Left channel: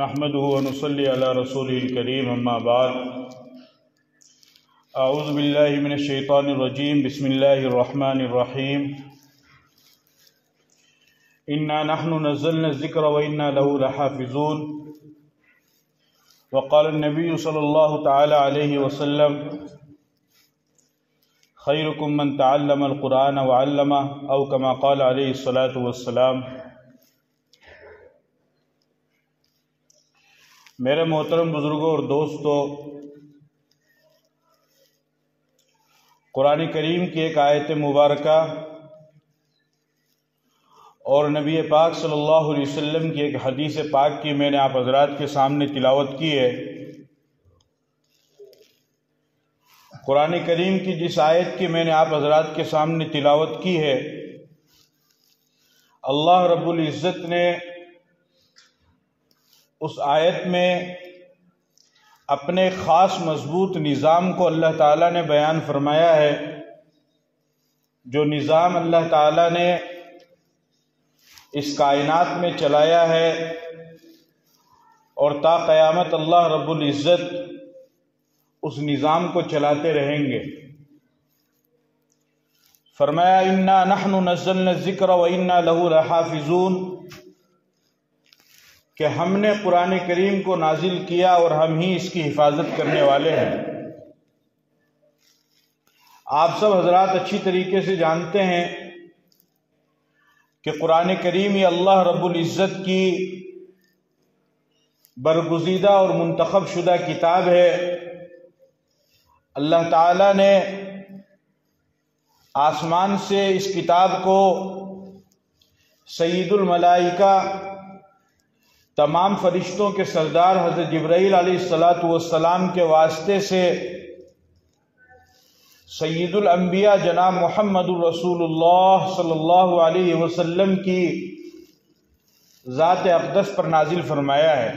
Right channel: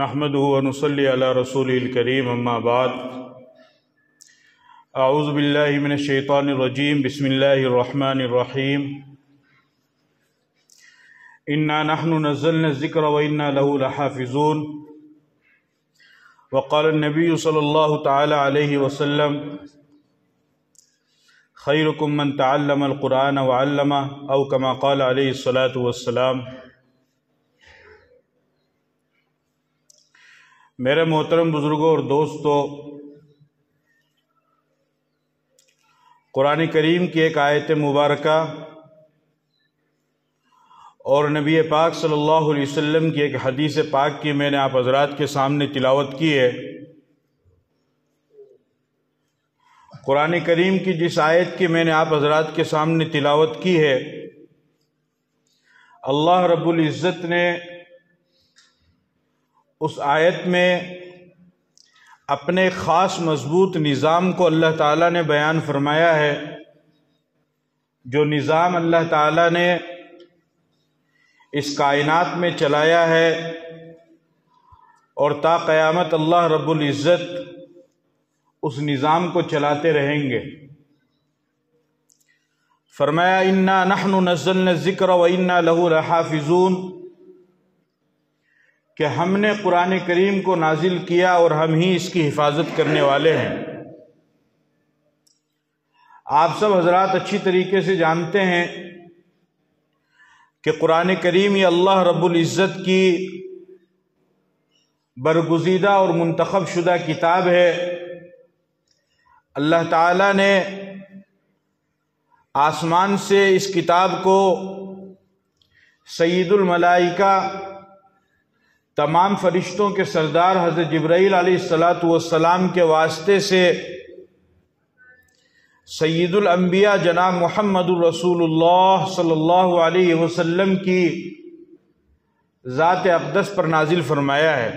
نحمده ونصلي على رسوله الكريم اما بعد اعوذ باللہ من الشیطان الرجیم بسم اللہ الرحمن الرحیم انا نحن نزلنا الذکر وانا له لحافظون وقال النبی صلی اللہ تعالی علیہ وسلم خیرکم من تعلم القرآن وعلمہ او کما قال علیہ الصلاۃ والسلام۔ میرے محترم بزرگوں اور دوستو، قرآن کریم کی ایک آیت مبارکہ اور نبی پاک صلی اللہ علیہ وسلم کی ایک حدیث پاک کی میں نے آپ حضرات کے سامنے تلاوت کی ہے۔ قرآن کریم کی جس آیت کی میں نے آپ حضرات کے سامنے تلاوت کی ہے، اللہ رب العزت نے اس آیت میں اپنے خاص مضبوط نظام کو اللہ تعالیٰ نے بیان فرمایا ہے، جو نظام اللہ تعالیٰ نے اس کائنات میں چلایا ہے اور تا قیامت اللہ رب العزت اس نظام کو چلاتے رہیں گے۔ فرمایا انا نحن نزلنا الذکر وانا له لحافظون، کہ ہم نے قرآن کریم کو نازل کیا اور ہم ہی اس کی حفاظت کرنے والے ہیں۔ آپ سب حضرات اچھی طریقے سے جانتے ہیں کہ قرآن کریم یہ اللہ رب العزت کی برگزیدہ اور منتخب شدہ کتاب ہے۔ اللہ تعالیٰ نے آسمان سے اس کتاب کو سید الملائکہ، تمام فرشتوں کے سردار حضرت جبرائیل علیہ السلام کے واسطے سے سید الانبیاء جناب محمد الرسول اللہ صلی اللہ علیہ وسلم کی ذات اقدس پر نازل فرمایا ہے۔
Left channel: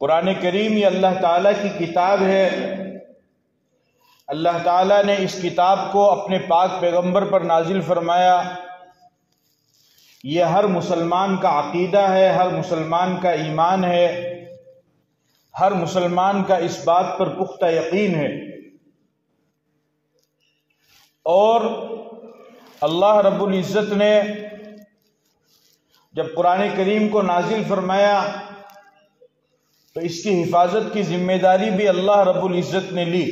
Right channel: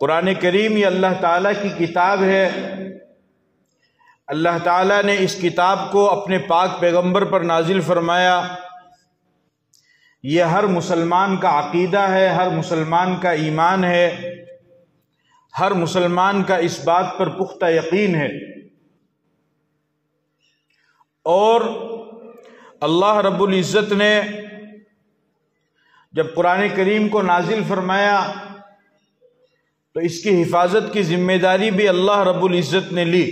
قرآن کریم یہ اللہ تعالیٰ کی کتاب ہے۔ اللہ تعالیٰ نے اس کتاب کو اپنے پاک پیغمبر پر نازل فرمایا۔ یہ ہر مسلمان کا عقیدہ ہے، ہر مسلمان کا ایمان ہے، ہر مسلمان کا اس بات پر پختہ یقین ہے۔ اور اللہ رب العزت نے جب قرآن کریم کو نازل فرمایا تو اس کی حفاظت کی ذمہ داری بھی اللہ رب العزت نے لی۔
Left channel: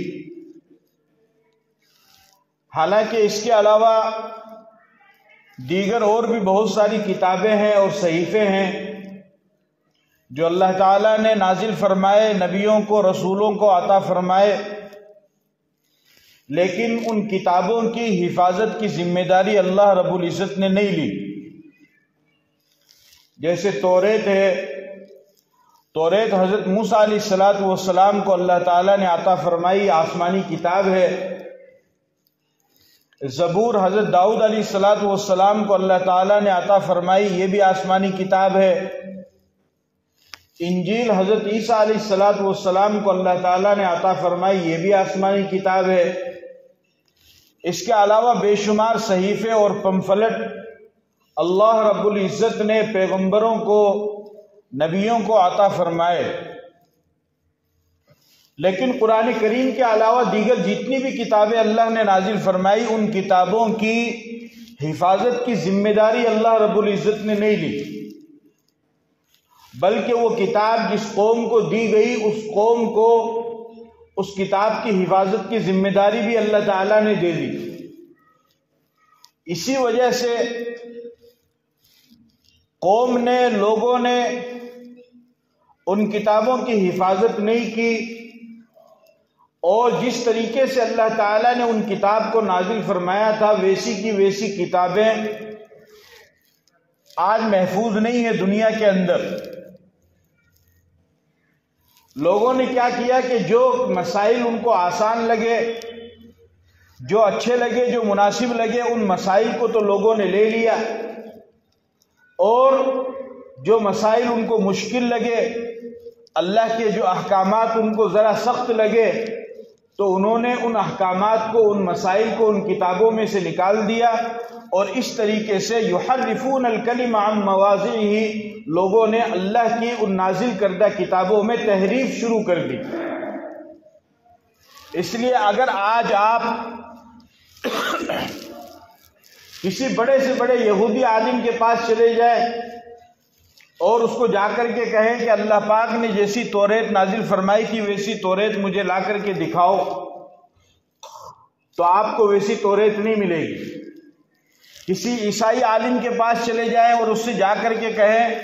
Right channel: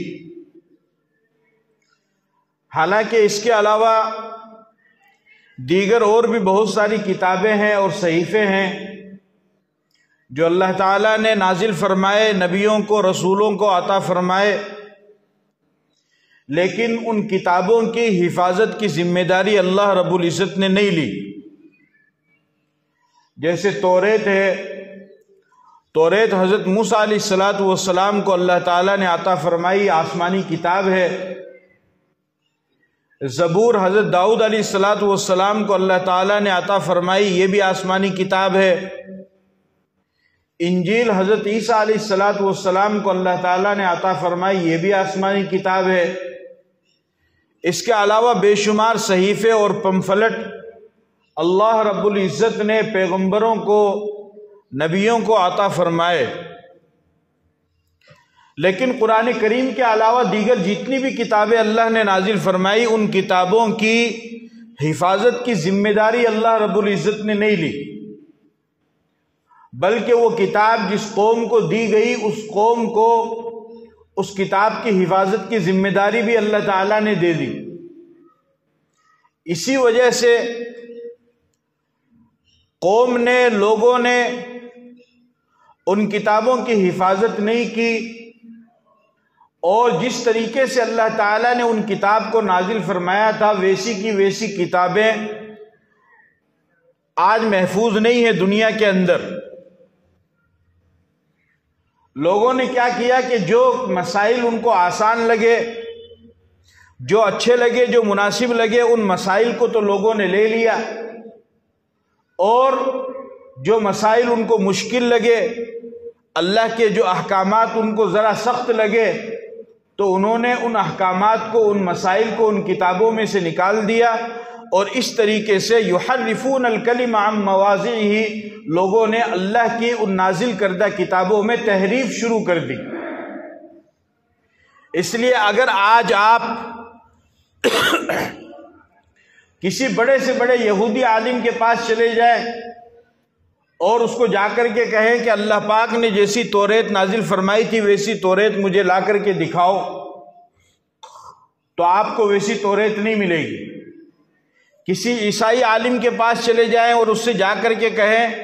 حالانکہ اس کے علاوہ دیگر اور بھی بہت ساری کتابیں ہیں اور صحیفے ہیں جو اللہ تعالیٰ نے نازل فرمائے، نبیوں کو، رسولوں کو عطا فرمائے، لیکن ان کتابوں کی حفاظت کی ذمہ داری اللہ رب العزت نے نہیں لی۔ جیسے توریت ہے، توریت حضرت موسیٰ علیہ السلام کو اللہ تعالیٰ نے عطا فرمائی، آسمانی کتاب ہے۔ زبور حضرت داؤد علیہ السلام کو اللہ تعالیٰ نے عطا فرمائی، یہ بھی آسمانی کتاب ہے۔ انجیل حضرت عیسیٰ علیہ السلام کو اللہ تعالیٰ نے عطا فرمائی، یہ بھی آسمانی کتاب ہے۔ اس کے علاوہ بے شمار صحیفے اور پمفلٹ اللہ رب العزت نے پیغمبروں کو، نبیوں کو عطا فرمائے۔ لیکن قرآن کریم کے علاوہ دیگر جتنی بھی کتابیں اللہ نے نازل فرمائی، ان کتابوں کی حفاظت کی ذمہ داری اللہ رب العزت نے نہیں لی، بلکہ وہ کتاب جس قوم کو دی گئی، اس قوم کو اس کتاب کی حفاظت کی ذمہ داری بھی اللہ تعالیٰ نے دے دی۔ اسی وجہ سے قوم نے، لوگوں نے ان کتابوں کی حفاظت نہیں کی، اور جس طریقے سے اللہ تعالیٰ نے ان کتاب کو نازل فرمایا تھا ویسی کی ویسی کتابیں آج محفوظ نہیں ہے دنیا کے اندر۔ لوگوں نے کیا کیا کہ جو مسائل ان کو آسان لگے، جو اچھے لگے، جو مناسب لگے، ان مسائل کو تو لوگوں نے لے لیا، اور جو مسائل ان کو مشکل لگے، اللہ کے جو احکامات ان کو ذرا سخت لگے، تو انہوں نے ان احکامات کو، ان مسائل کو ان کتابوں میں سے نکال دیا اور اس طریقے سے یحرفون الکلم عن مواضعہ، لوگوں نے اللہ کی ان نازل کردہ کتابوں میں تحریف شروع کر دی۔ اس لیے اگر آج آپ کسی بڑے سے بڑے یہودی عالم کے پاس چلے جائیں اور اس کو جا کر کے کہیں کہ اللہ پاک نے جیسی توریت نازل فرمائی تھی ویسی توریت مجھے لا کر کے دکھاؤ، تو آپ کو ویسی توریت نہیں ملے گی۔ کسی عیسائی عالم کے پاس چلے جائیں اور اس سے جا کر کے کہیں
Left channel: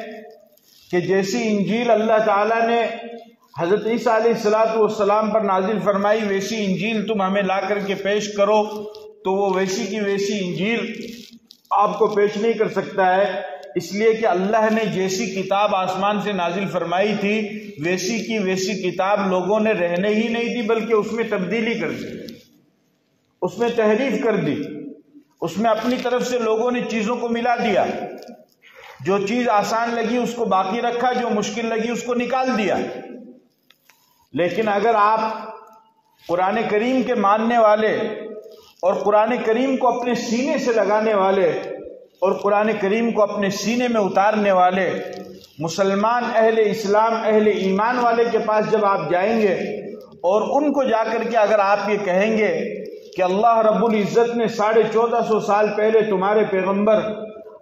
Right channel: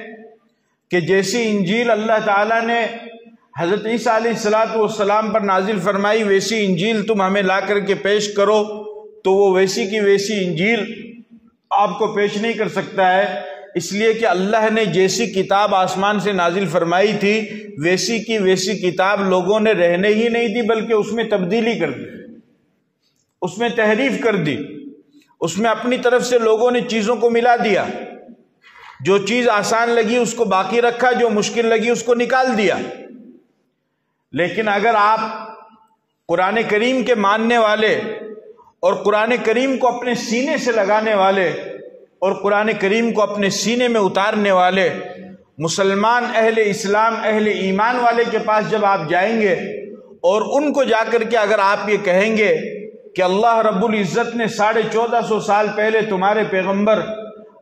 کہ جیسی انجیل اللہ تعالیٰ نے حضرت عیسیٰ علیہ السلام پر نازل فرمائی ویسی انجیل تم ہمیں لا کر کے پیش کرو، تو وہ ویسی کی ویسی انجیل آپ کو پیش نہیں کر سکتا ہے، اس لیے کہ اللہ نے جیسی کتاب آسمان سے نازل فرمائی تھی ویسی کی ویسی کتاب لوگوں نے رہنے ہی نہیں دی، بلکہ اس میں تبدیلی کر دی، اس میں تحریف کر دی، اس میں اپنی طرف سے لوگوں نے چیزوں کو ملا دیا، جو چیز آسان لگی اس کو باقی رکھا، جو مشکل لگی اس کو نکال دیا۔ لیکن اگر آپ قرآن کریم کے ماننے والے اور قرآن کریم کو اپنے سینے سے لگانے والے اور قرآن کریم کو اپنے سینے میں اتارنے والے مسلمان اہل اسلام اہل ایمان والے کے پاس جب آپ جائیں گے اور ان کو جا کر کے اگر آپ یہ کہیں گے کہ اللہ رب العزت نے 1450 سال پہلے تمہارے پیغمبر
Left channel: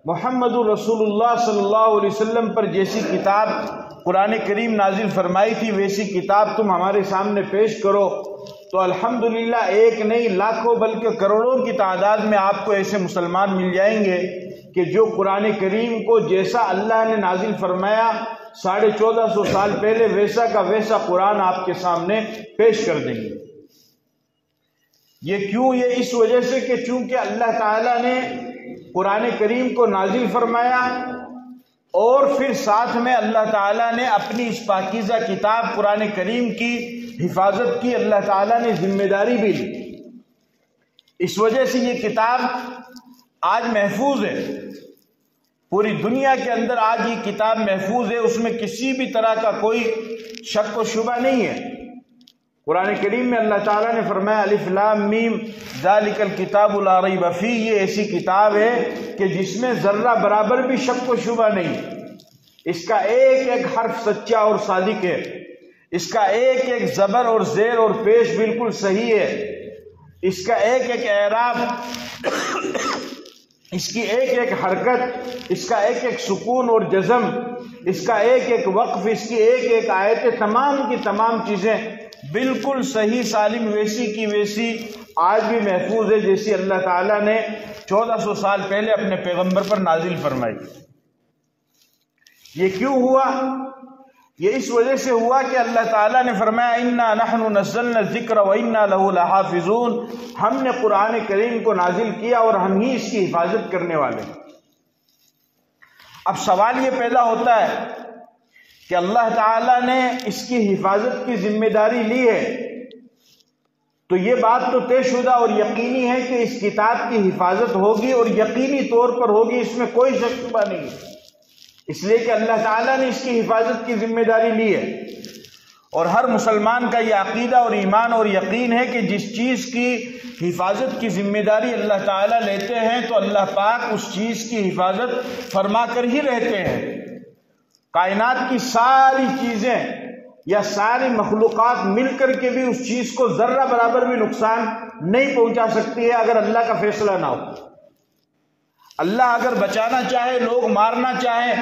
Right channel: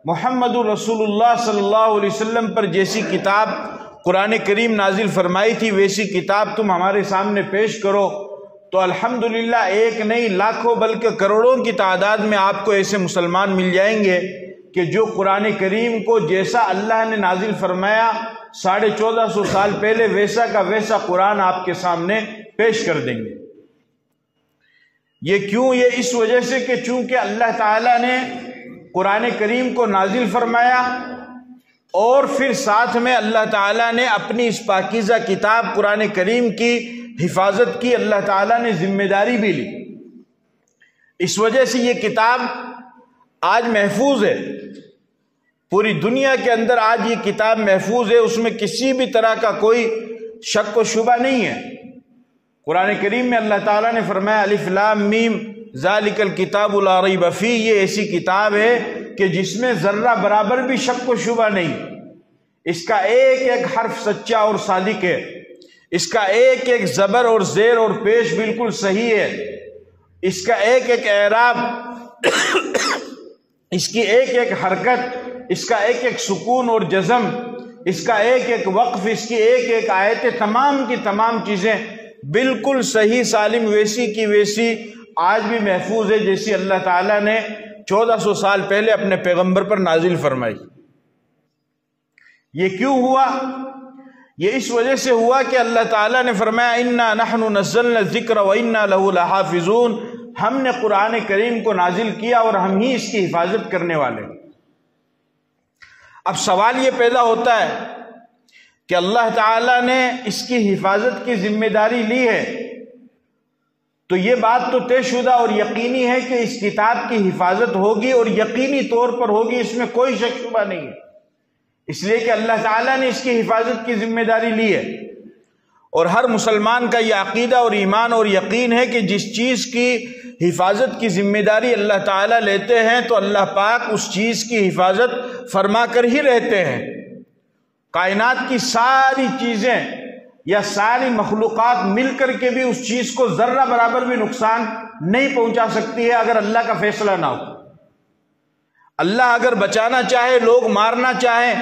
محمد رسول اللہ صلی اللہ علیہ وسلم پر جیسی کتاب قرآن کریم نازل فرمائی تھی ویسی کتاب تم ہمارے سامنے پیش کرو، تو الحمدللہ ایک نہیں لاکھوں بلکہ کروڑوں کی تعداد میں آپ کو ایسے مسلمان مل جائیں گے کہ جو قرآن کریم کو جیسا اللہ نے نازل فرمایا 1450 سال پہلے ویسا کا ویسا قرآن آپ کے سامنے پیش کر دیں گے۔ یہ کیوں؟ یہ اس وجہ سے کہ چونکہ اللہ تعالیٰ نے قرآن کریم کو نازل فرمایا اور پھر ساتھ میں اللہ تعالیٰ نے اپنی اس پاکیزہ کتاب قرآن کریم کی حفاظت کی، اللہ تعالیٰ نے ذمہ داری بھی لی۔ اس وجہ سے یہ کتاب آج محفوظ ہے، پوری دنیا کے اندر آج یہ کتاب محفوظ ہے، اس میں کسی بھی طرح کا کوئی شک و شبہ نہیں ہے۔ قرآن کریم میں اللہ تعالیٰ نے فرمایا الف لام میم ذالک الکتاب لا ریب فیہ، یہ ایسی کتاب ہے کہ جس میں ذرہ برابر بھی شک و شبہ نہیں، اس کا ایک ایک حرف سچا اور صادق ہے، اس کا ایک ایک زبر اور زیر اور پیش بالکل صحیح ہے، اس کا ایک ایک اعراب، اس کی ایک ایک حرکت، اس کا ایک ایک سکون اور جزم، اس کا ایک ایک وقف، اس کی ایک ایک آیتیں، تمام کی تمام چیزیں بالکل صحیح سالم ویسی کی ویسی آج بھی محفوظ ہے جیسی اللہ تعالیٰ نے 1400 سال پہلے اپنے پیغمبر پر نازل فرمائی۔ یہ کیوں ہوا؟ یہ اس وجہ سے ہوا کہ اللہ تعالیٰ نے فرمایا اِنَّا نَحْنُ نَزَّلْنَا الذِّكْرَ وَإِنَّا لَهُ لَحَافِظُونَ، ہم نے قرآن کریم کو نازل کیا اور ہم ہی اس کی حفاظت کرنے والے۔ اب سوال یہ پیدا ہوتا ہے کہ اللہ تعالیٰ نے اس کی حفاظت کی ذمہ داری لی ہے، تو یہ بات تو طے شدہ اور یقینی ہے کہ اس کتاب کی حفاظت ہوگی اور یقینی طور پر ہوگی، اس میں کوئی شک شبہ نہیں ہے، اس لیے کہ اللہ تعالیٰ نے اس کی حفاظت کی ذمہ داری لی ہے۔ اور ہر مسلمان کا یہ عقیدہ اور ایمان اور یقین ہے کہ جس چیز کی حفاظت کی ذمہ داری اللہ تعالیٰ لیتے ہیں تو اللہ پاک اس چیز کی حفاظت فرما کر ہی رہتے ہیں۔ کائنات کی ساری چیزیں یا ساری مخلوقات مل کر کے بھی اس چیز کو ذرہ برابر بھی نقصان نہیں پہنچا سکتی ہے اگر اللہ کا فیصلہ نہ ہو۔ اللہ اگر بچانا چاہے، لوگ مارنا چاہیں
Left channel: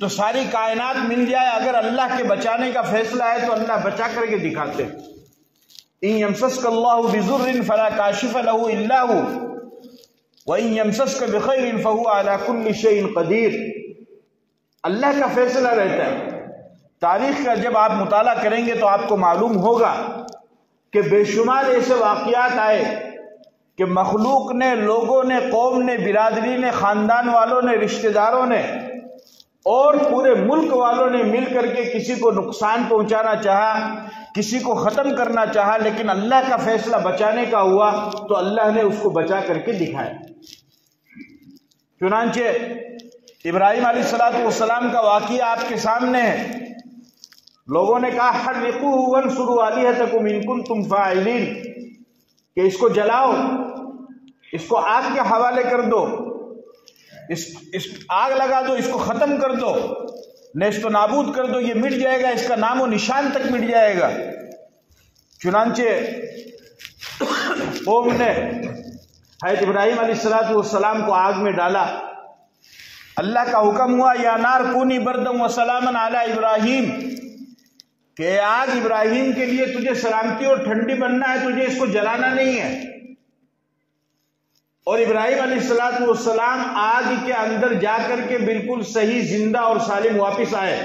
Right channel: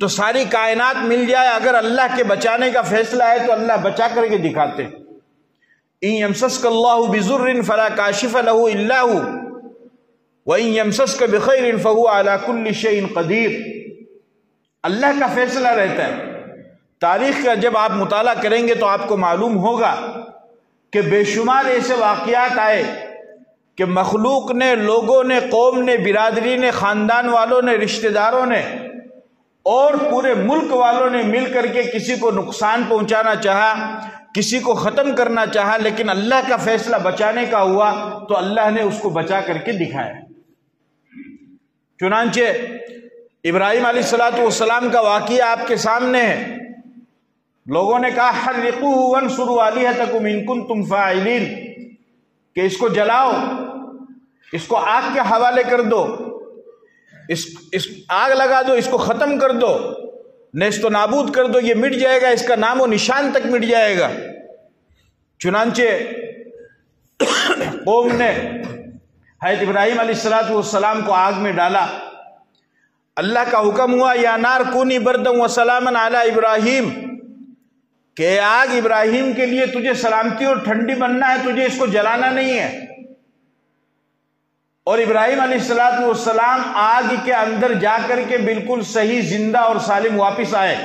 تو ساری کائنات مل جائے، اگر اللہ کے بچانے کا فیصلہ ہے تو اللہ بچا کر کے دکھاتے۔ إِن يَمْسَسْكَ اللَّهُ بِضُرٍّ فَلَا كَاشِفَ لَهُ إِلَّا هُوَ وَإِن يَمْسَسْكَ بِخَيْرٍ فَهُوَ عَلَى كُلِّ شَيْءٍ قَدِيرٌ۔ اللہ کا فیصلہ رہتا ہے۔ تاریخ کا جب آپ مطالعہ کریں گے تو آپ کو معلوم ہوگا کہ بے شمار ایسے واقعات آئے کہ مخلوق نے، لوگوں نے، قوم نے، برادری نے، خاندان والوں نے، رشتہ داروں نے اور پورے ملک والوں نے مل کر کے کسی کو نقصان پہنچانا چاہا، کسی کو ختم کرنا چاہا، لیکن اللہ کا فیصلہ بچانے کا ہوا تو اللہ نے اس کو بچا کر کے دکھایا۔ چنانچہ ابراہیم علیہ السلام کا واقعہ آپ کے سامنے ہے۔ لوگوں نے کہا حرقوہ وانصروا آلہتکم ان کنتم فاعلین، کہ اس کو جلاؤ، اس کو آگ کے حوالے کر دو، اس آگ لگا دو، اس کو ختم کر دو، نیست و نابود کر دو، یہ مٹ جائے گا، اس کا نام و نشان تک مٹ جائے گا۔ چنانچہ قوم نے حضرت ابراہیم علیہ السلام کو آگ میں ڈالا۔ اللہ کا حکم ہوا یا نار کونی بردم و سلاما علی ابراہیم، کہ آگ ابراہیم کے لیے تجھے سلامتی اور ٹھنڈی بننا ہے، تجھے اس کو جلانا نہیں ہے۔ اور ابراہیم علیہ السلام آگ کے اندر جا کر کے بالکل صحیح، زندہ اور سالم واپس آئے۔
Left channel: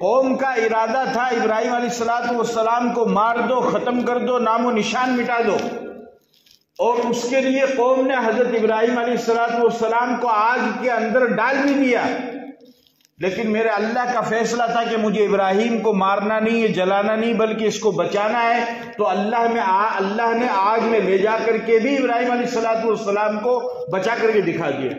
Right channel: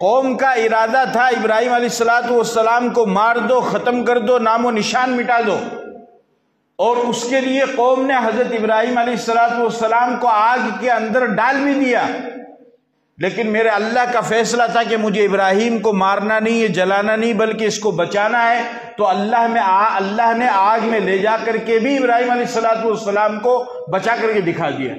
قوم کا ارادہ تھا ابراہیم علیہ السلام کو مار دو، ختم کر دو، نام و نشان مٹا دو، اور اس کے لیے قوم نے حضرت ابراہیم علیہ السلام کو آگ کے اندر ڈال بھی دیا۔ لیکن میرے اللہ کا فیصلہ تھا کہ مجھے ابراہیم کو مارنا نہیں ہے، جلانا نہیں، بلکہ اس کو بچانا ہے۔ تو اللہ نے آگ میں لے جا کر کے بھی ابراہیم علیہ السلام کو بچا کر کے دکھا دیا۔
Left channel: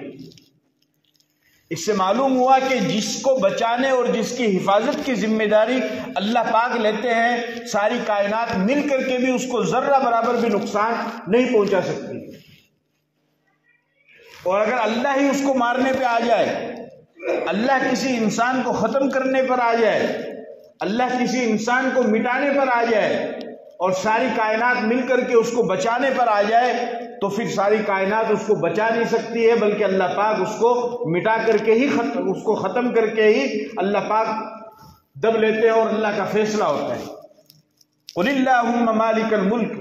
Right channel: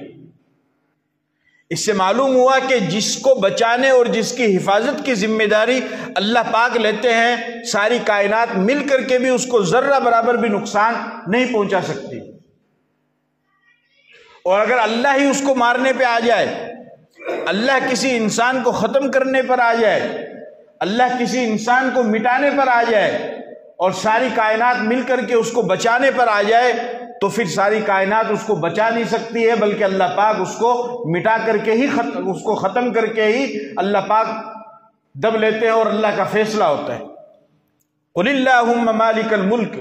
اس سے معلوم ہوا کہ جس کو بچانے اور جس کی حفاظت کی ذمہ داری اللہ پاک لیتے ہیں، ساری کائنات مل کر کے بھی اس کو ذرہ برابر بھی نقصان نہیں پہنچا سکتی۔ اور اگر اللہ ہی اس کو مارنے پہ آ جائے، اللہ کسی انسان کو ختم کرنے پر آ جائے، اللہ کسی انسان کو مٹانے پر آ جائے، اور ساری کائنات مل کر کے اس کو بچانے پر آ جائے، تو پھر ساری کائنات اس کو بچا نہیں سکتی ہے، بلکہ اللہ پاک اس کو مٹا کر کے ہی اس کو ختم کر کے ہی اللہ پاک دب لیتے ہیں، اور اللہ کا فیصلہ ہوتا ہے۔ قُلِ اللَّهُمَّ مَالِكَ الْمُلْكِ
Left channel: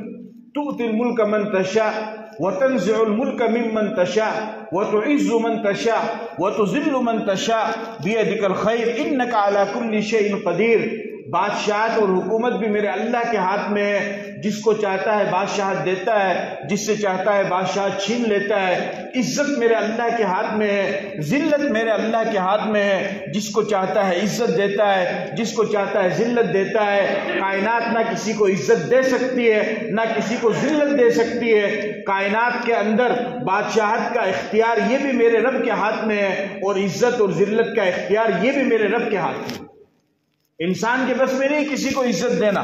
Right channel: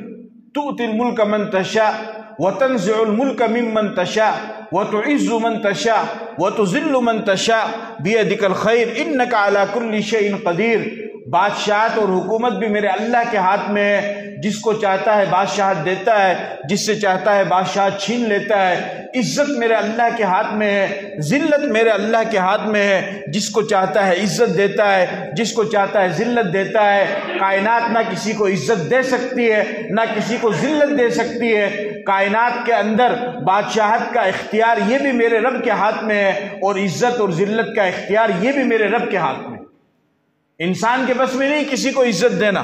تُؤْتِي الْمُلْكَ مَنْ تَشَاءُ وَتَنْزِعُ الْمُلْكَ مِمَّنْ تَشَاءُ وَتُعِزُّ مَنْ تَشَاءُ وَتُذِلُّ مَنْ تَشَاءُ بِيَدِكَ الْخَيْرُ إِنَّكَ عَلَى كُلِّ شَيْءٍ قَدِيرٌ۔ بادشاہت اور حکومت بھی میرے اللہ کے ہاتھ میں ہے، جس کو چاہتا ہے بادشاہت دیتا ہے، جس سے چاہتا ہے بادشاہت چھین لیتا ہے۔ عزت میرے اللہ کے ہاتھ میں ہے، ذلت میرے اللہ کے ہاتھ میں ہے، جس کو چاہتا ہے عزت دیتا ہے، جس کو چاہتا ہے ذلت دیتا ہے۔ کائنات نہ کسی کو عزت دے سکتی ہے، نہ کسی کو ذلت دے سکتی ہے۔ کائنات کے اندر بادشاہت کا اختیار یہ بھی میرے رب کے ہاتھ میں ہے، اور عزت اور ذلت کا اختیار یہ بھی میرے رب کے ہاتھ میں۔ انسان کے بس میں نہیں کسی کو عزت دینا،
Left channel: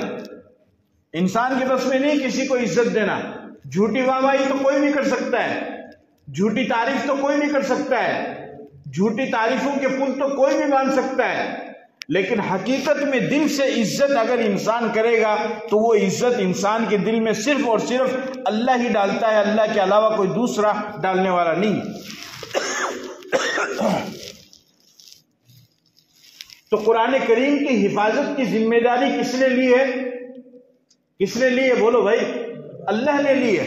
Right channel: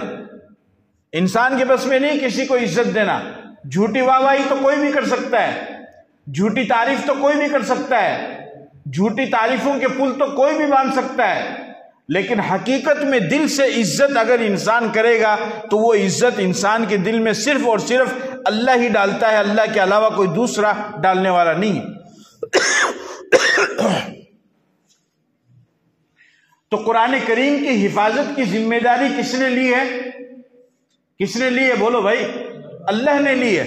انسان کے بس میں نہیں کسی کو عزت دینا۔ جھوٹی واہواہی تو کوئی بھی کر سکتا ہے، جھوٹی تعریف تو کوئی بھی کر سکتا ہے، جھوٹی تعریفوں کے پل تو کوئی بھی باندھ سکتا ہے، لیکن حقیقت میں دل سے عزت اگر انسان کرے گا تو وہ عزت انسان کے دل میں صرف اور صرف اللہ ہی ڈالتا ہے، اللہ کے علاوہ کوئی دوسرا ڈالنے والا نہیں۔ تو قرآن کریم کی حفاظت کی ذمہ داری کس نے لی ہے؟ کس نے لی ہے؟ بولو بھائی، اللہ نے لی ہے۔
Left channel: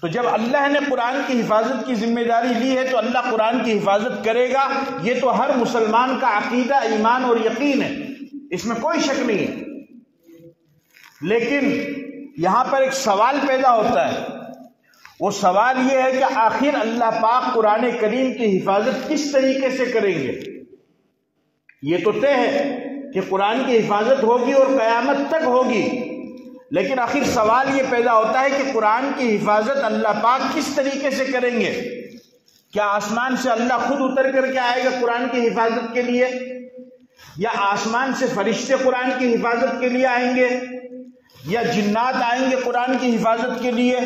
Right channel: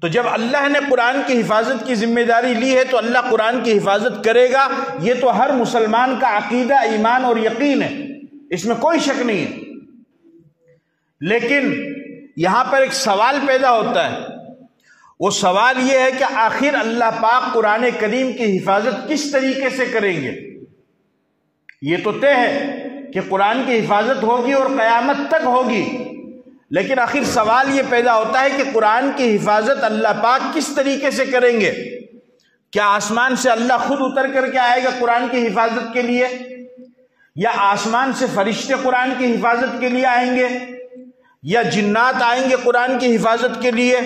تو جب اللہ نے قرآن کی حفاظت کی ذمہ داری لی ہے تو اللہ قرآن کی حفاظت کرے گا، یہ تو ہر مسلمان کا عقیدہ، ایمان اور یقین ہے، اس میں کوئی شک نہیں ہے۔ لیکن یہاں پر ایک سوال پیدا ہوتا ہے، وہ سوال یہ ہے کہ آخر اللہ پاک قرآن کریم کی حفاظت کس طریقے سے کریں گے؟ یہ تو طے ہے کہ قرآن کی حفاظت ہوگی اور قیامت تک ہوگی، لیکن آخر سوال یہ پیدا ہوتا ہے کہ قرآن کی حفاظت اللہ پاک کس طریقے سے کریں گے؟ کیا آسمان سے اللہ خود اتر کر کے آئے گا قرآن کی حفاظت کے لیے، یا آسمان سے فرشتے قرآن کی حفاظت کے لیے آئیں گے، یا جنات آئیں گے قرآن کی حفاظت کے لیے،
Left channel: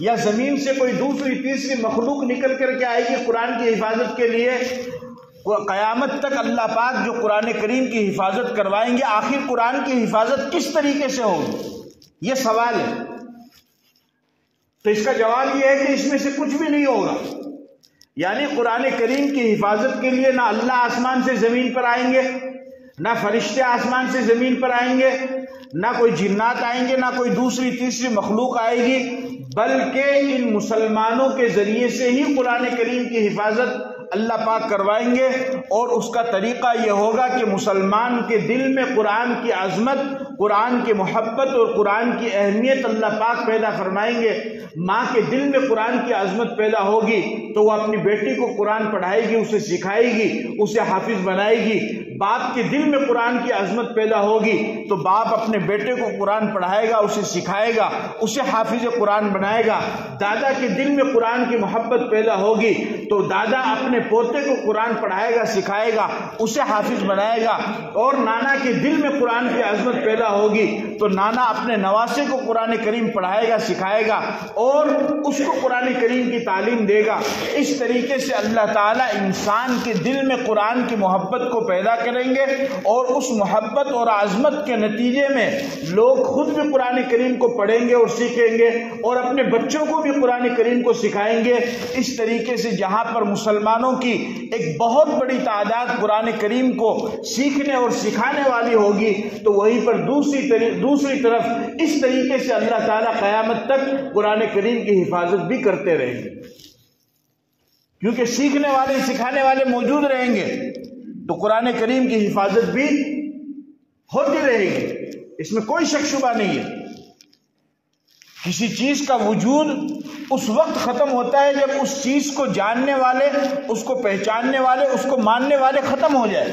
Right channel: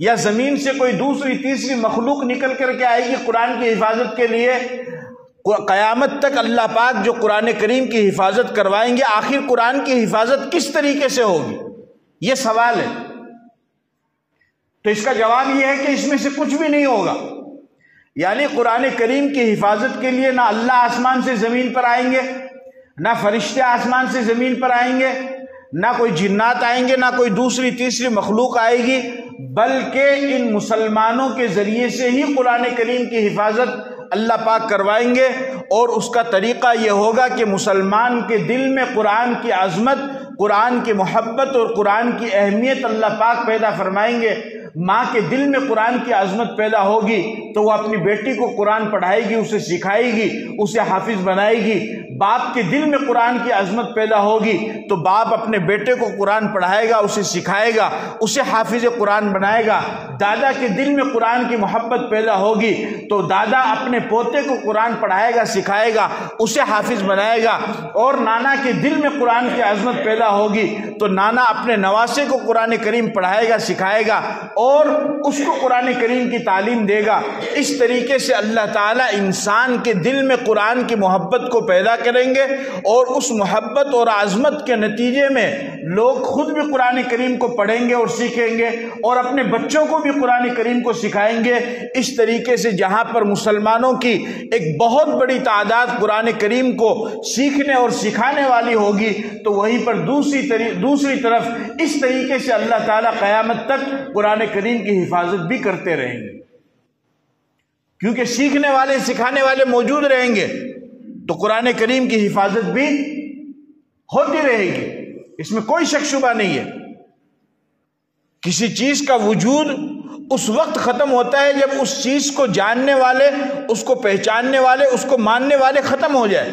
یا زمین سے کوئی دوسری تیسری مخلوق نکل کر کے آئے گی قرآن کی حفاظت کے لیے؟ قیامت تک اللہ پاک جو قرآن کریم کی حفاظت کروائیں گے، آخر قرآن کی حفاظت کس طریقے سے ہوگی؟ یہ سوال ہے۔ تو اس کا جواب یہ ہے کہ اس میں سے کچھ بھی نہیں ہوگا، یعنی قرآن کریم کی حفاظت کے لیے نہ اللہ آسمان سے زمین پر آئیں گے، نہ فرشتے آسمان سے زمین پر آئیں گے، نہ کوئی جنات آئیں گے، نہ کوئی دوسری تیسری مخلوق آئے گی، بلکہ ان مسلمانوں کے ذریعے سے ہی قرآن کریم کی حفاظت اللہ پاک کروائیں گے۔ اور اس کا طریقہ یہ ہوگا کہ مسلمان کے دل میں قرآن کی عظمت، قرآن کی محبت اور قرآن کی اہمیت اللہ پاک پیدا فرمائیں گے۔ ماں کے دل میں قرآن کی عظمت پیدا ہوگی تو وہ اپنی بیٹی کو قرآن پڑھائے گی، اسے سکھائے گی، اسے حافظ بنائے گی۔ باپ کے دل میں قرآن کی عظمت پیدا ہوگی تو باپ اپنے بیٹے کو قرآن پڑھائے گا، اسے سکھائے گا، اسے حافظ قرآن بنائے گا۔ دادا کے دل میں قرآن کی محبت پیدا ہوگی تو دادا اپنے پوتے کو قرآن پڑھائے گا، سکھائے گا، اسے حافظ بنائے گا۔ اور نانا کے دل میں قرآن کی عظمت پیدا ہوگی تو نانا اپنے نواسے کو قرآن کریم پڑھائے گا، سکھائے گا۔ اور اس کو قرآن کریم کی تعلیم دے گا۔ اس طریقے سے اللہ تعالیٰ انسان کے دل میں قرآن کی محبت کو پیدا کریں گے، اور اس محبت اور عظمت کے نتیجے میں لوگ خود بھی قرآن کریم کو پڑھیں گے اور سیکھیں گے، اور اپنے بچوں کو بھی قرآن کریم کو سکھائیں گے۔ اس طریقے سے جہاں پر مسلمانوں کی ایک بہت بڑی تعداد قرآن کریم کو سیکھنے اور سکھانے والی ہوگی، تو وہیں پر دوسری طرف اس طریقے سے اللہ تعالیٰ قیامت تک قرآن کریم کی حفاظت بھی کرتے رہیں گے، کیونکہ سیکھنے والے سکھانے والے موجود رہیں گے تو قرآن کریم کی حفاظت بھی ہوتی رہے گی، اس میں کوئی شک شبہ نہیں ہے۔ کسی چیز کا وجود اس وقت ختم ہوتا ہے جب اس چیز کو جاننے والے، اس کو پہچاننے والے، اس کو ماننے والے ختم ہو جائے۔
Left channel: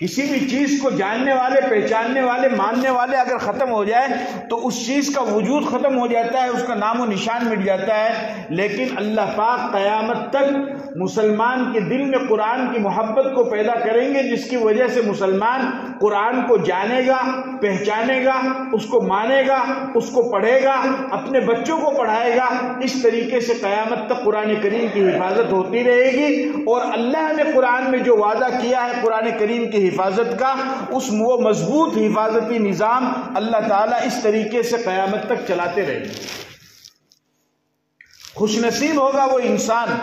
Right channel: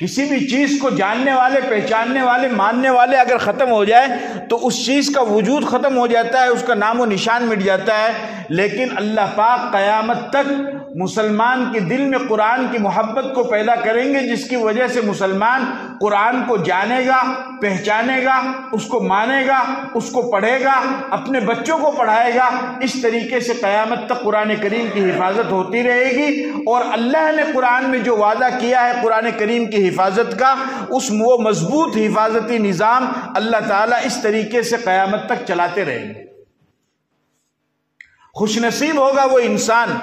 کسی بھی چیز کو جاننے والے، پہچاننے والے، ماننے والے اگر ختم ہو جائے تو اس چیز کا وجود ختم ہو جاتا ہے، اس کا نام و نشان مٹ جاتا ہے۔ لیکن اللہ پاک قیامت تک مسلمان کے دل میں قرآن کی محبت کو پیدا کریں گے، جس کی وجہ سے مسلمان قرآن کو جانے گا، پہچانے گا، اس کو مانے گا، اس کو پڑھے گا، اپنے بچوں کو پڑھائے گا۔ اس طریقے سے قیامت تک قرآن کریم کی حفاظت ہوتی رہے گی، اور اللہ نے قرآن میں جو وعدہ کیا ہے قرآن کریم کی حفاظت کا، وہ مضبوط حفاظتی نظام اللہ تعالیٰ اس طریقے سے قیامت تک چلاتے رہیں گے۔ خوش نصیب ہوگا وہ انسان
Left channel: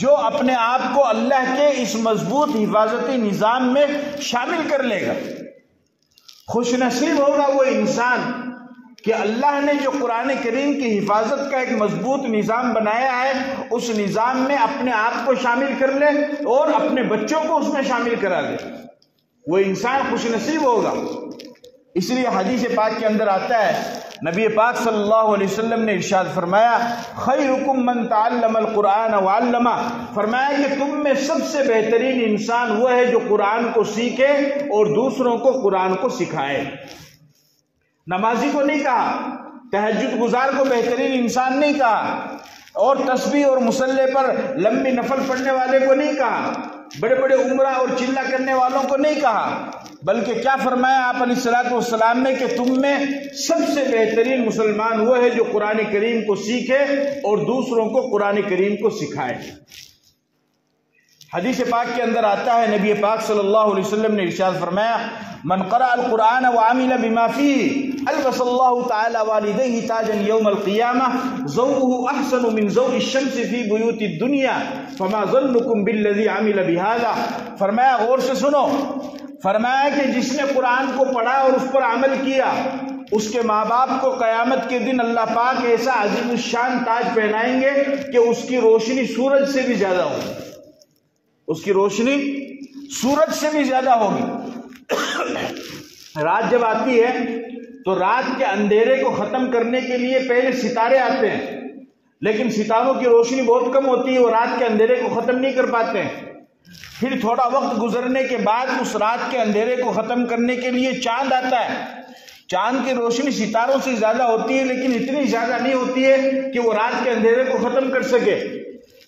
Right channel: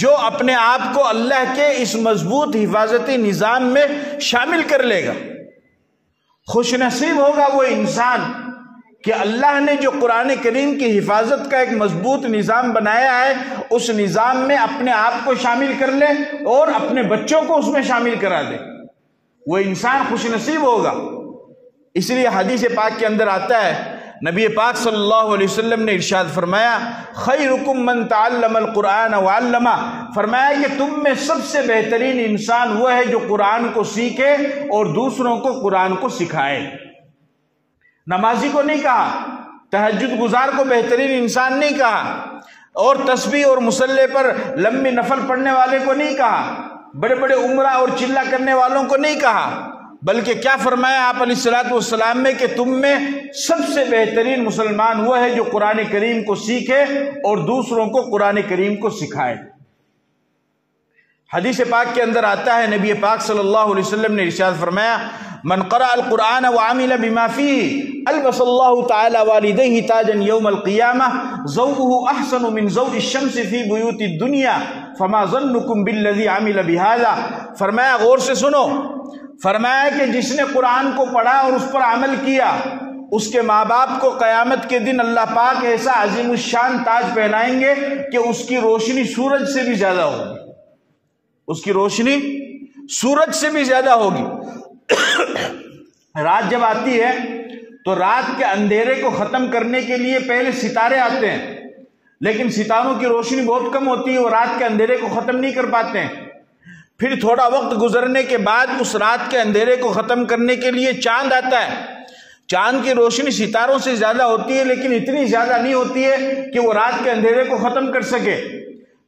جو اپنے آپ کو اللہ کے اس مضبوط حفاظتی نظام میں شامل کر لے گا۔ خوش نصیب ہوگا وہ انسان کہ اللہ نے جو قرآن کریم کی حفاظت کا ایک مضبوط نظام بنایا ہے، اس نظام میں اپنے آپ کو شامل کر لے اور اپنے بچوں کو اس میں شامل کرا دے۔ وہ انسان خوش نصیب ہوگا۔ اس لیے حدیث پاک کے اندر آتا ہے، نبی پاک صلی اللہ علیہ وسلم نے ارشاد فرمایا، خیرکم من تعلم القرآن وعلمہ، فرمایا کہ تم میں سب سے بہترین انسان وہ ہے جو قرآن کو سیکھے اور دوسروں کو قرآن کو سکھائے۔ نمازی کو نہیں کہا، تہجد گزار کو بہترین انسان نہیں کہا، اور تسبیح اور مصلی پر لمبی نفل پڑھنے والے کو نہیں کہا، بڑے بڑے عمرہ اور چلہ کرنے والوں کو نہیں کہا، بلکہ کیا فرمایا آپ علیہ الصلوۃ والسلام نے کہ تم میں سب سے بہترین مسلمان وہ ہے جو قرآن کریم کو سیکھے اور دوسروں کو قرآن کریم کو سکھائے۔ حدیث پاک کے اندر آتا ہے، نبی پاک صلی اللہ علیہ وسلم نے ارشاد فرمایا، من قرأ القرآن وعمل بما فيه البس الله تعالى والديه تاجا يوم القيامة ضوءه احسن من ضوء الشمس في بيوت الدنيا فما ظنكم بالذي عمل بهذا۔ فرمایا غور سے سنو، فرمایا کہ جس نے قرآن کو پڑھا اور اس پر عمل کیا، اس کے ماں باپ کو قیامت کے دن اللہ پاک ایسا عظیم الشان تاج پہنائیں گے کہ اس کی روشنی سورج سے بھی زیادہ ہوگی، اس کی روشنی سورج سے بھی زیادہ ہوگی۔ رات جب آتی ہے تو رات کے اندھیرے کو ختم کرنے کے لیے پہلے ستارے آتے ہیں، لیکن ستاروں کی روشنی بہت کم ہوتی ہے، وہ رات کے اندھیرے کو ختم نہیں کر پاتے ہیں۔ پھر تھوڑا وقت گزرنے کے بعد اس رات کے اندھیرے کو ختم کرنے کے لیے چاند آتا ہے۔ چاند کی روشنی ستاروں سے زیادہ ہوتی ہے، لیکن اتنی زیادہ نہیں ہوتی ہے کہ وہ رات کے اندھیرے کو ختم کر سکے۔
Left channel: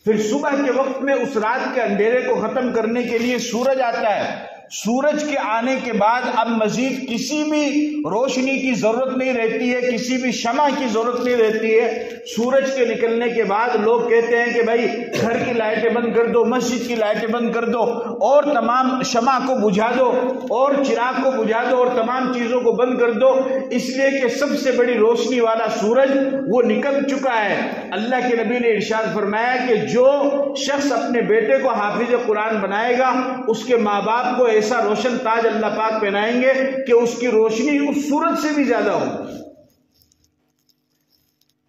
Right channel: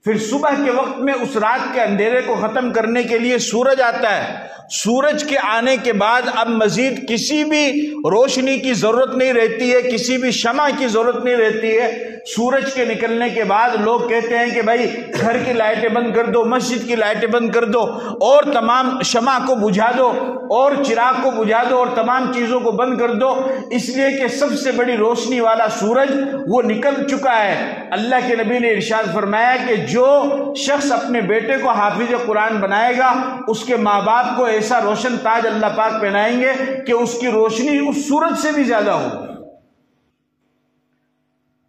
پھر صبح کے وقت میں اس رات کے اندھیرے کو ختم کرنے کے لیے سورج آتا ہے۔ سورج کے آنے کے بعد اب مزید کسی بھی روشنی کی ضرورت نہیں رہتی ہے، کسی بھی شمع کی ضرورت نہیں رہتی ہے۔ سورج کے نکلنے کے بعد لوگ کہتے ہیں کہ بھائی گھر کی لائٹیں بند کر دو، مسجد کی لائٹیں بند کر دو، اور تمام شمع کو بجھا دو، اور چراغ کو بجھا دو، اور تمام چیزوں کو بند کر دو، اس لیے کہ سب سے بڑی روشنی والا سورج وہ نکل چکا ہے۔ اللہ کے نبی نے ارشاد فرمایا کہ جو شخص اپنے بیٹے کو حافظ قرآن بنائے گا، اس کے ماں باپ کو ایسا روشن تاج اللہ پاک پہنائیں گے کہ اس کی روشنی اس سورج سے بھی زیادہ ہوگی۔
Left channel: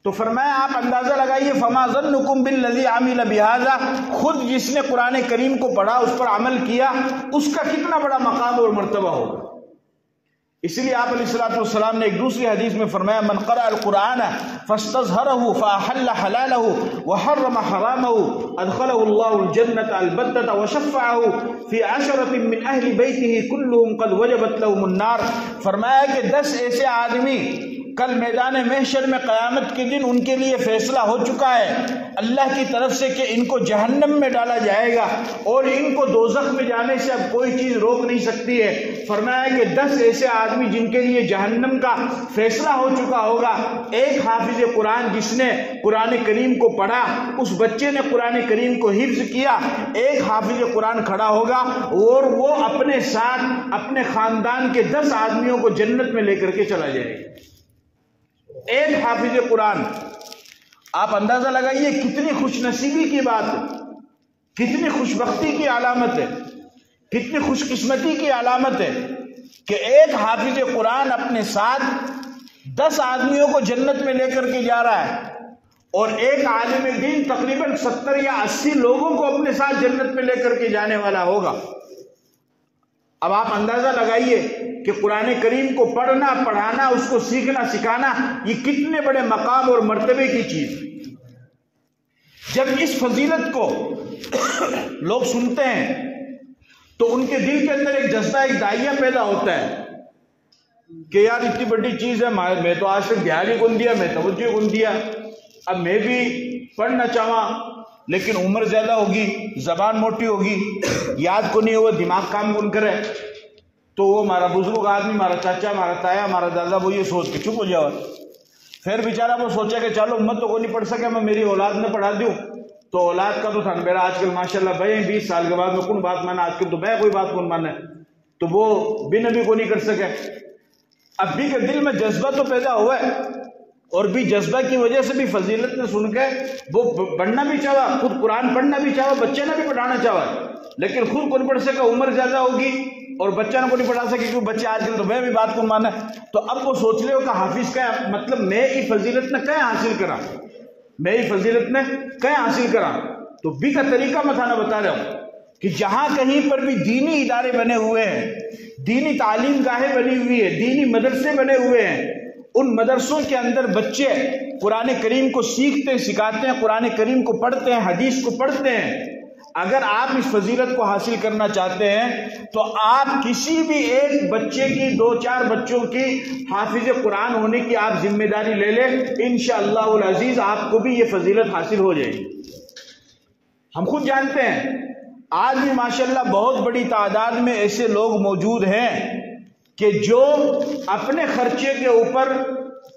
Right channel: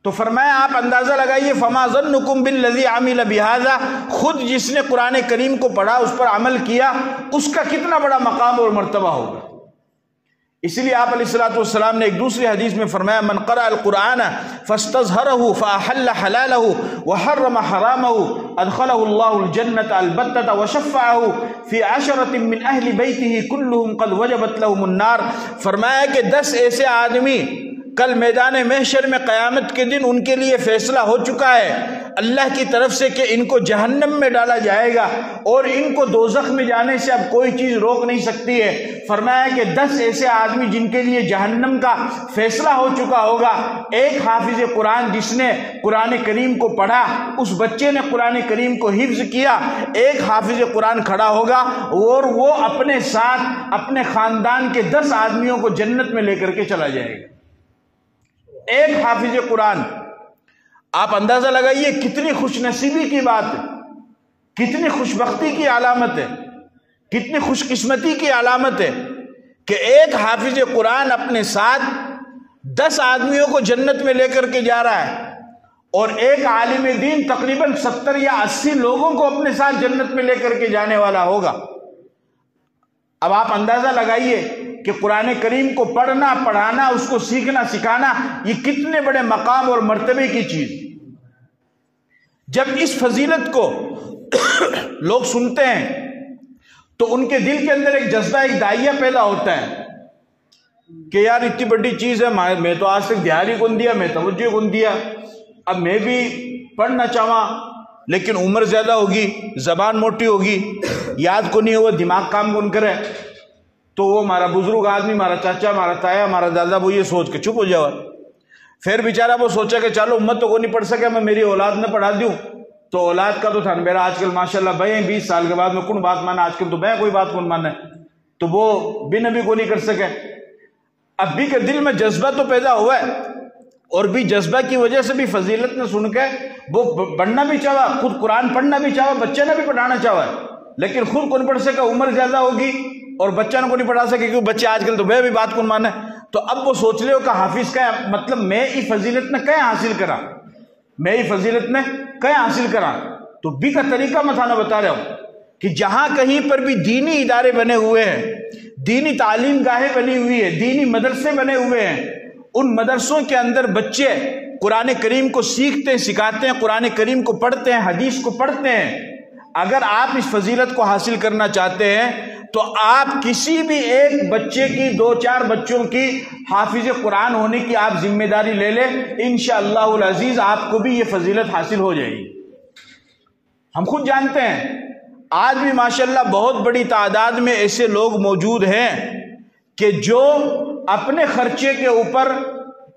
تو فرمایا آپ اندازہ لگائیے، فما ظنکم بالذی عمل بہذا، خود جس نے قرآن کریم کو پڑھا، اس پر عمل کیا، اس کا کتنا بڑا مقام اور مرتبہ ہوگا۔ اسی لیے آپ علیہ الصلوۃ والسلام نے ایک دوسری حدیث میں فرمایا، من قرأ القرآن فاستظہرہ فاحل حلالہ وحرم حرامہ ادخلہ اللہ الجنة البتة وشفعہ فی عشرة من اہل بیتہ کلہم قد وجبت لہم النار۔ فرمایا کہ 10 ایسے آدمی کل میدان محشر میں قیامت کے دن ان کے لیے فیصلہ ہو چکا ہے اللہ کی طرف سے کہ ان کو جہنم میں ڈالا جائے گا اور ان کو دوزخ میں جانے سے اب کوئی چیز روک نہیں سکتی ہے۔ فرمایا کہ 10 ایسے آدمی جن کے لیے جہنم کا فیصلہ ہو چکا ہوگا، ایک حافظ قرآن جس نے قرآن کریم کو پڑھا، اس بچے نے قرآن کریم کو حفظ کیا، ایک حافظ قرآن کھڑا ہوگا اور وہ اپنے ساتھ اپنے خاندان کے 10 آدمیوں کو جنت میں لے کر کے چلا جائے گا۔ ایک حافظ قرآن، آپ اندازہ لگائیے کتنی خوش نصیبی کی بات ہے، کتنی خوش بختی کی علامت ہے، کتنی خوش قسمتی کی علامت ہے کہ ایک حافظ قرآن اپنے ساتھ 10 آدمیوں کو جنت میں لے کر کے جا رہا ہے، اور ایک عالم دین تقریباً 70 یا 80 لوگوں کو اپنے ساتھ جنت میں لے کر کے جانے والا ہوگا۔ اب آپ اندازہ لگائیے کہ قرآن کریم کو پڑھنا، پڑھانا، اس کو سیکھنا، سکھانا، یہ کتنے بڑے مقام اور مرتبے کی چیز۔ جب اس فضیلت کو لوگ سنتے ہیں تو ان کے دل کے اندر ایک جذبہ، ایک داعیہ پیدا ہوتا ہے کہ یار اتنی بڑی چیز ہے، میں تو آج تک دھیان ہی کون دیا، میں توجہ کون دیا، اب میں بھی پڑھنا چاہواں، لیکن عمر زیادہ ہوگی، زبان موٹی ہوگی، یاد کو نہیں ہوا، دماغ کام کون کرے، تو وہ ہمارا بزرگ آدمی، ہمارا چاچا، ہمارا تایا، ہمارا دادا، وہ یہ سوچ کے چپ ہو جاؤ۔ پھر بیچارہ وہ سوچا کہ چلو امت تو کو نہیں پڑھ سکے، میں میری اولاد نے پڑھا دوں، تو اولاد کا تو تھا میرا آج کل ماشاءاللہ بھائی 20 سال کے بعد میں کون بات مانا، آج کل تو بھائی کوئی بات کون مانا ہے، تو وہ بھی نبی کو نہیں کر سکے۔ اب بھی کے دل میں جذبہ تو پیدا ہوا ہے، اور بھی جذبہ کی وجہ سے بھی فضیلت نے سن کے وہ پڑھنا بھی چاہا، خود قرآن پڑھنا بھی چاہا، بچے نے بھی پڑھانا چاہا، لیکن خود کو نہیں پڑھ سکا، عمر زیادہ ہوگی اور بچہ کو نہیں پڑھا سکے کیونکہ بچے آج کل تو بے بھی بات کون مانے۔ تو اب وہ سوچ رہے ہو کہ حافظ کا مطلب میں ہی فضیلت نے کہیں حاصل کرا، میں ہی فضیلت نے کہیں حاصل کرا، تو بھی کا طریقہ میں تھانا بتا رہا ہوں کہ جہاں کہیں پر بھی دینی ادارے بنے ہوئے ہیں، دینی تعلیم گاہیں بنی ہوئی ہے، دینی مدرسے بنے ہوئے ہیں، ان مدرسوں کے اندر بچے قرآن کریم کو سیکھتے ہیں، سکھاتے ہیں، قرآن کریم کو پڑھتے ہیں، حدیث کو پڑھتے ہیں۔ اگر آپ اس فضیلت کو حاصل کرنا چاہتے ہیں تو آپ کسی بھی ایک بچے کی 2-4 بچوں کی حافظ قرآن ہونے کی آپ ذمہ داری لے لیں، انشاءاللہ العزیز آپ کو بھی یہ فضیلت حاصل ہو جائے گی۔ ہم خود جانتے ہیں آج بھی ماشاءاللہ بہت بڑی تعداد میں ایسے لوگ موجود ہیں کہ جو اپنے خرچے کے اوپر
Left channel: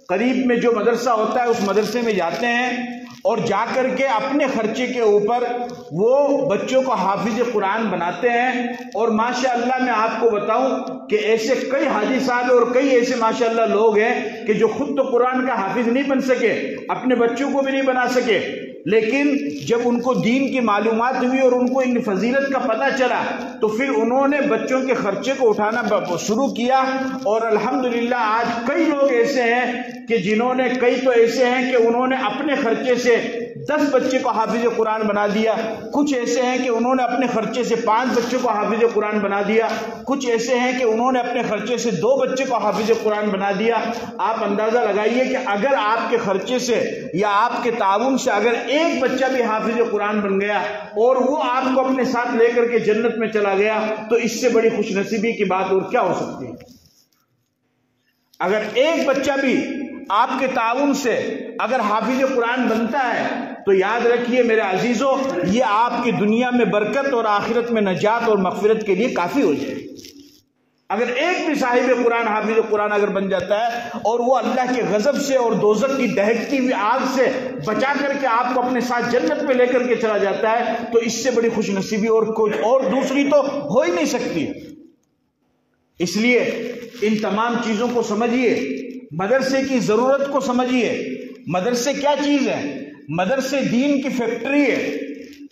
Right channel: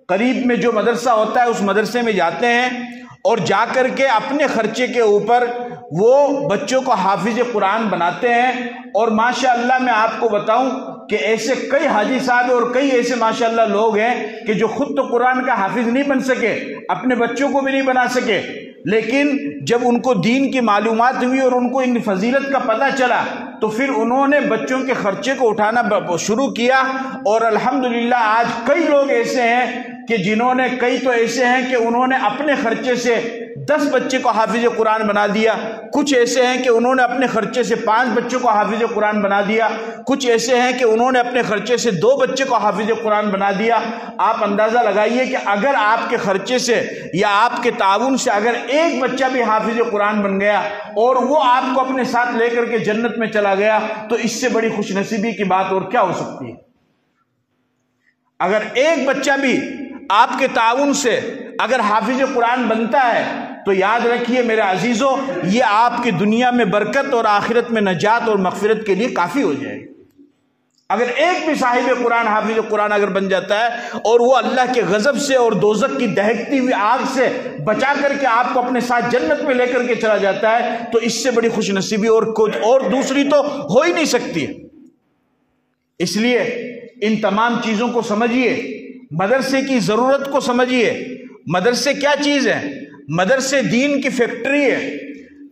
قریب میں جو مدرسہ ہوتا ہے اس مدرسے میں جاتے ہیں اور جا کر کے اپنے خرچے کے اوپر وہ بچوں کو حافظ قرآن بناتے ہیں، اور ماشاءاللہ میں آپ کو بتاؤں کہ ایسے کئی حاجی صاحب اور کئی ایسے ماشاءاللہ لوگ ہیں کہ جو خود تو قرآن کا حافظ نہیں بن سکے، اپنے بچوں کو بھی نہیں بنا سکے، لیکن جب ان کو دین کی معلومات ہوئی اور ان کو ان فضیلت کا پتہ چلا تو پھر انہوں نے بچوں کے خرچے کو اٹھانا شروع کیا، اور الحمدللہ آج کئی لوگ ایسے ہیں کہ جنہوں نے، کئی تو ایسے ہیں کہ انہوں نے اپنے خرچے سے 10 بچے کو حافظ قرآن بنا دیا، کچھ ایسے ہیں کہ انہوں نے اپنے خرچے سے 5 بچوں کو حافظ قرآن بنا دیا، کچھ ایسے ہیں کہ انہوں نے اپنے خرچے سے 2 بچے کو حافظ قرآن بنا دیا۔ آپ اندازہ لگائیے کہ اگر آپ کے خرچے سے یا آپ کے تعاون سے اگر ایک بچہ بھی حافظ قرآن بن گیا اور وہ آپ کو اپنے ساتھ لے کر کے جنت میں چلا گیا تو اس سے بڑی خوش نصیبی کی بات اور کیا ہو سکتی ہے۔ اگر ایک بچہ بھی آپ کے تعاون سے اگر حافظ قرآن بنتا ہے تو یاد رکھیے میرے عزیزوں، یہ آپ کی دنیا میں برکت اور آخرت میں نجات اور مغفرت کے لیے کافی ہو جائے گی۔ اگر ایک بھی صاحب قرآن حافظ قرآن اگر بن جاتا ہے اور وہ اللہ کے غضب سے اور دوزخ کی دہکتی ہوئی آگ سے بچا کر کے آپ کو اپنے ساتھ جنت میں لے کر کے چلا جاتا ہے تو اس سے بڑی خوش نصیبی اور کچھ اور دوسری تو ہو ہی نہیں سکتی۔ اس لیے ان تمام چیزوں کو سمجھیے، مدرسے کی ضرورت کو سمجھیے۔ مدرسے کیا چیز ہے؟ مدرسے دین کی فیکٹری ہے۔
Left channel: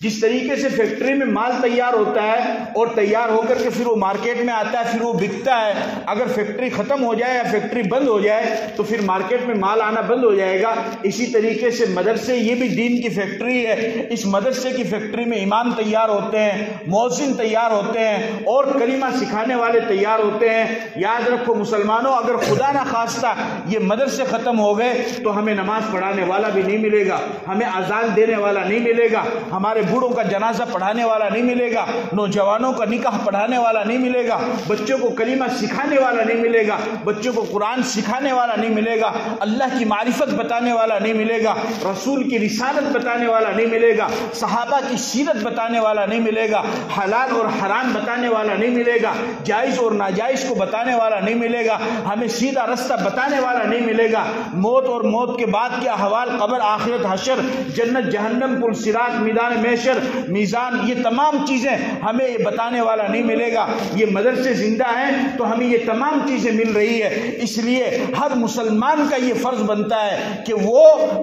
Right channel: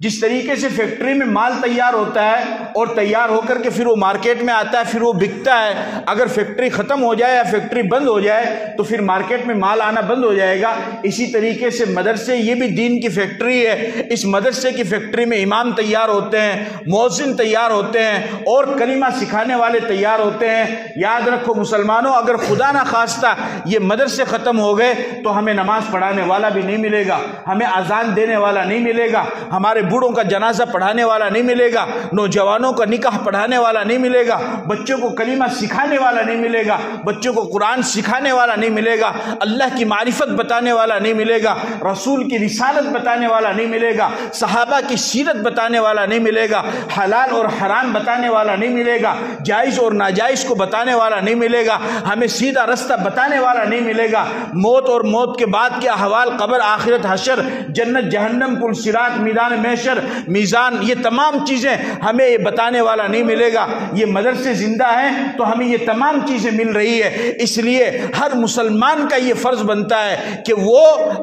جس طریقے سے فیکٹری میں مال تیار ہوتا ہے اور تیار ہو کر کے پھر وہ مارکیٹ میں آتا ہے، پھر وہ بکتا ہے، اگر فیکٹری ختم ہو جائے یا فیکٹری بند ہو جائے تو پھر مارکیٹ میں مال آنا بند ہو جائے گا۔ اسی طریقے سے مدرسے یہ بھی دین کی فیکٹری ہے۔ اس مدرسے کی فیکٹری میں امام تیار ہوتے ہیں، مؤذن تیار ہوتے ہیں اور کلمہ سکھانے والے تیار ہوتے ہیں۔ یاد رکھو مسلمانوں، اگر خدا نہ خواستہ یہ مدرسے ختم ہو گئے تو ہمیں نماز پڑھانے والا بھی نہیں ملے گا، ہمیں اذان دینے والا نہیں ملے گا، ہمارے بوڑھوں کا جنازہ پڑھانے والا نہیں ملے گا، نوجوانوں کا نکاح پڑھانے والا نہیں ملے گا، بچوں کو کلمہ سکھانے والا نہیں ملے گا، بچوں کو قرآن سکھانے والا نہیں ملے گا، اللہ کی معرفت بتانے والا نہیں ملے گا، رسول کی رسالت بتانے والا نہیں ملے گا، صحابہ کی سیرت بتانے والا نہیں ملے گا، حلال اور حرام بتانے والا نہیں ملے گا، جائز اور ناجائز کو بتانے والا نہیں ملے گا، ہمیں سیدھا رستہ بتانے والا نہیں ملے گا، موت اور موت کے بعد کے احوال، قبر، آخرت، حشر، جنت، جہنم، پل صراط، میدان محشر، میزان، یہ تمام چیزیں ہمیں یہ بتانے والا نہیں ملے گا۔ یہ مدرسے زندہ ہیں تو ہمیں یہ تمام چیزیں مل رہی ہے۔ اس لیے ہر مسلمان کا یہ فرض بنتا ہے کہ وہ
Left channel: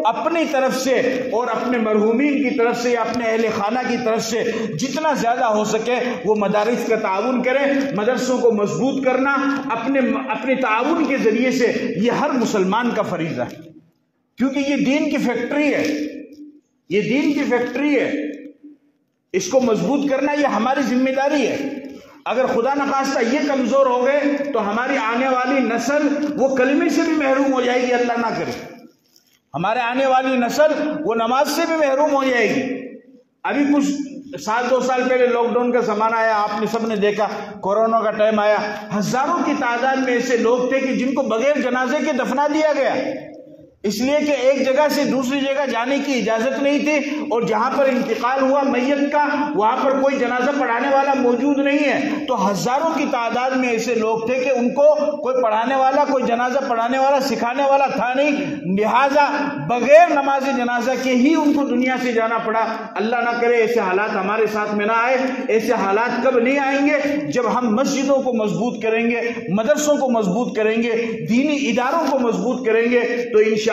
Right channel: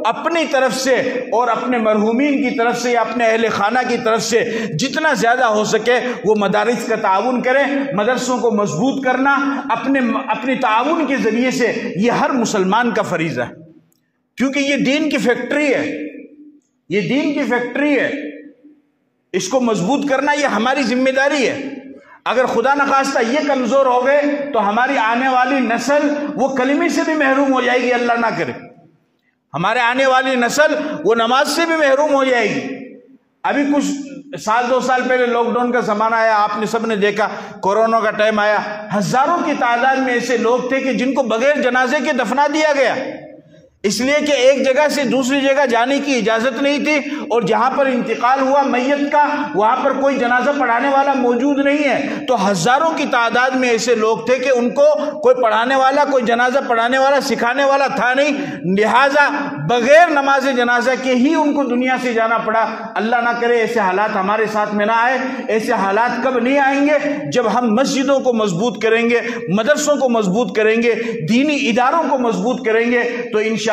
اپنی طرف سے اور اپنے مرحومین کی طرف سے یا اپنے اہل خانہ کی طرف سے جتنا زیادہ ہو سکے وہ مدارس کا تعاون کریں۔ مدرسوں کو مضبوط کرنا اپنے تعاون کے ذریعے سے یہ ہر مسلمان کا فریضہ ہے، کیونکہ یہ دین کی فیکٹری ہے، یہ دین کی فیکٹری ہے، اس کو مضبوط کرنا یہ ہماری ذمہ داری ہے۔ اگر خدا نخواستہ یہ کمزور ہو گئے تو ہماری آنے والی نسل وہ کلمے سے بھی محروم ہو جائے گی، اللہ نہ کرے۔ ہمارے آنے والی نسل وہ نماز سے بھی محروم ہو جائے گی۔ ابھی کچھ سال 2 سال پہلے لاک ڈاؤن کا زمانہ آیا، آپ نے سب نے دیکھا، کورونا کا ٹائم آیا، ہزاروں کی تعداد میں ایسے لوگ تھے کہ جن کو بغیر جنازے کے دفنا دیا گیا، اس لیے کہ ایک جگہ سے دوسری جگہ جانے کی اجازت نہیں تھی، اور جہاں پر انتقال ہوا میت کا وہاں پر کوئی جنازہ پڑھانے والا موجود نہیں ہے، تو ہزاروں کی تعداد میں ایسے لوگ تھے کہ ان کو کوئی پڑھانے والا، کوئی جنازہ پڑھانے والا، سکھانے والا تھا نہیں، لہٰذا بغیر نماز جنازہ کے ہی ان کو دنیا سے جانا پڑا۔ اللہ نہ کرے ایسے حالات ہمارے ساتھ میں نہ آئے۔ ایسے حالات کب نہیں آئیں گے؟ جب ہم مسجدوں کو مضبوط کریں گے، مدرسوں کو مضبوط کریں گے، دینی اداروں کو مضبوط کریں گے، تو انشاءاللہ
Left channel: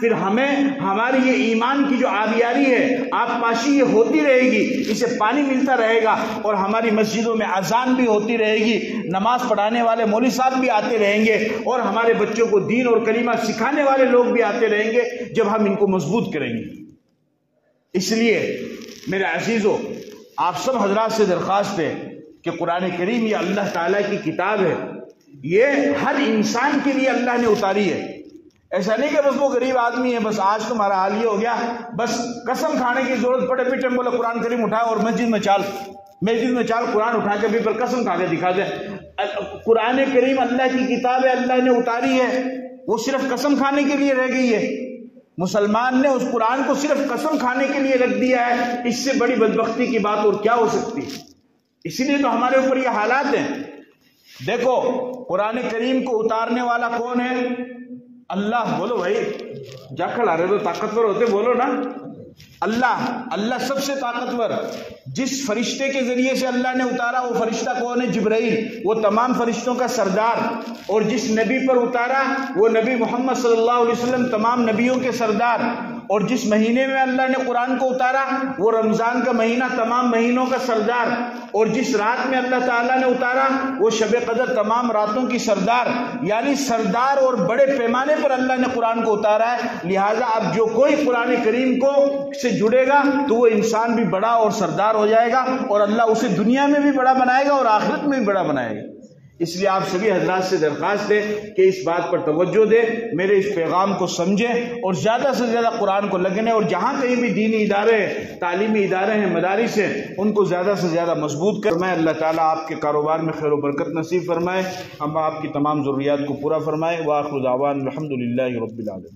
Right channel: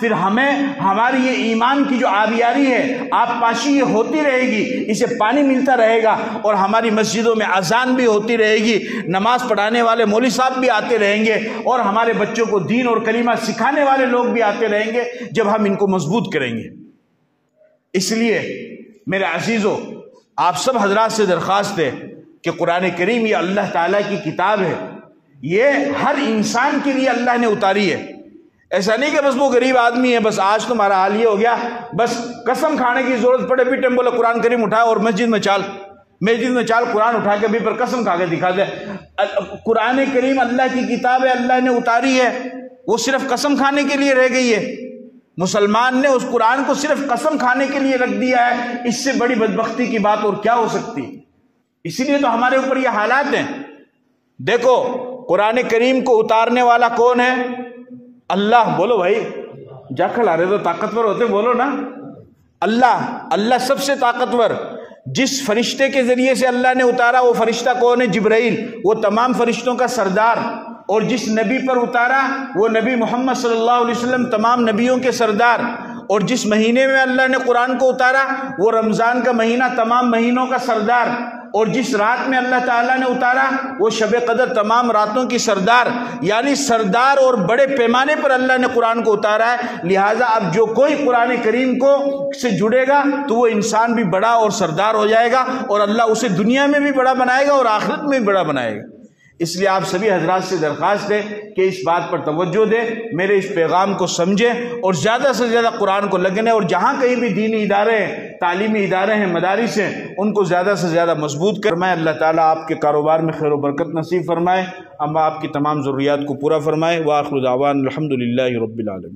پھر ہماری یہ ایمان کی جو آبیاری ہے، آب پاشی یہ ہوتی رہے گی، اسے پانی ملتا رہے گا، اور ہماری مسجدوں میں اذان بھی ہوتی رہے گی، نماز پڑھانے والے مولوی صاحب بھی آتے رہیں گے، اور ہمارے بچوں کو دین اور کلمہ سکھانے والے لوگ بھی آتے رہیں گے، جب ہم ان کو مضبوط کریں گے۔ اس لیے میرے عزیزو، آپ سب حضرات سے درخواست ہے کہ قرآن کریم یہ اللہ تعالیٰ کی کتاب ہے، یہ ہر انسان کے لیے اللہ نے اتاری ہے۔ ایسا نہیں کہ بس وہ غریب آدمی ہے، بس آج تمہارا حال یہ ہو گیا، بس قسم کھانے کی ضرورت پڑے پیٹے میں بولے قرآن کریم اٹھا اور مسجد میں چال قرآن اٹھا کے بھی پر قسم کھا کے دکھا دے۔ قرآن کریم اللہ کی کتاب ہے، اللہ نے اتاری ہے، وہ صرف قسم کھانے کے لیے رہ گئی ہے۔ مسلمان نے اس قرآن کو صرف قسم کھانے کے لیے رکھ دیا ہے، اس سے بڑی بدبختی کی بات اور کیا ہو سکتی؟ اسی لیے تو ہمارے اوپر یہ حالات ہیں۔ دیکھو قرآن کریم کو اتارنے والا کون ہے؟ اللہ۔ بولو بھائی، جاکھل آ رہے تو طاقتور ہوتے، بولو نا۔ اللہ سب سے طاقتور۔ جس فرشتے کے ذریعے سے اللہ نے اتارا وہ فرشتہ کون ہے؟ جبرائیل، وہ تمام فرشتوں کا سردار۔ اور جس نبی پر اتارا وہ نبی محمد صلی اللہ علیہ وسلم، تمام نبیوں کے سردار۔ اور جس مہینے میں اللہ نے قرآن کو اتارا وہ رمضان کا مہینہ، تمام مہینوں کا سردار۔ اور جس رات میں اللہ تعالیٰ نے اتارا وہ شب قدر، تمام راتوں کی سردار۔ یعنی سردار اور بڑے پیمانے پر اللہ نے قرآن کو اتارا ہے۔ لہٰذا اب جو کوئی قرآن کریم کو سے جڑے گا تو وہ انسان بھی بڑا اور سردار ہو جائے گا، اور اللہ اسے دنیا میں بھی بڑا بنائے گا اور آخرت میں بھی بڑا بنائے گا۔ اس لیے آپ سبھی حضرات سے درخواست ہے کہ اس بات پر توجہ دیں، میرے اس پیغام کو سمجھیں، اور زیادہ سے زیادہ قرآن کو لگنے، اور جہاں کہیں بھی دینی ادارے ہیں، تعلیمی ادارے ہیں، مدارس ہیں، ان کو زیادہ سے زیادہ مضبوط فرمائے۔ اللہ تعالیٰ آپ کے کاروبار میں خیر و برکت نصیب فرمائے، اما آپ کی تمام ضروریات کو پورا فرمائے۔ وآخر دعوانا الحمدللہ رب العالمین۔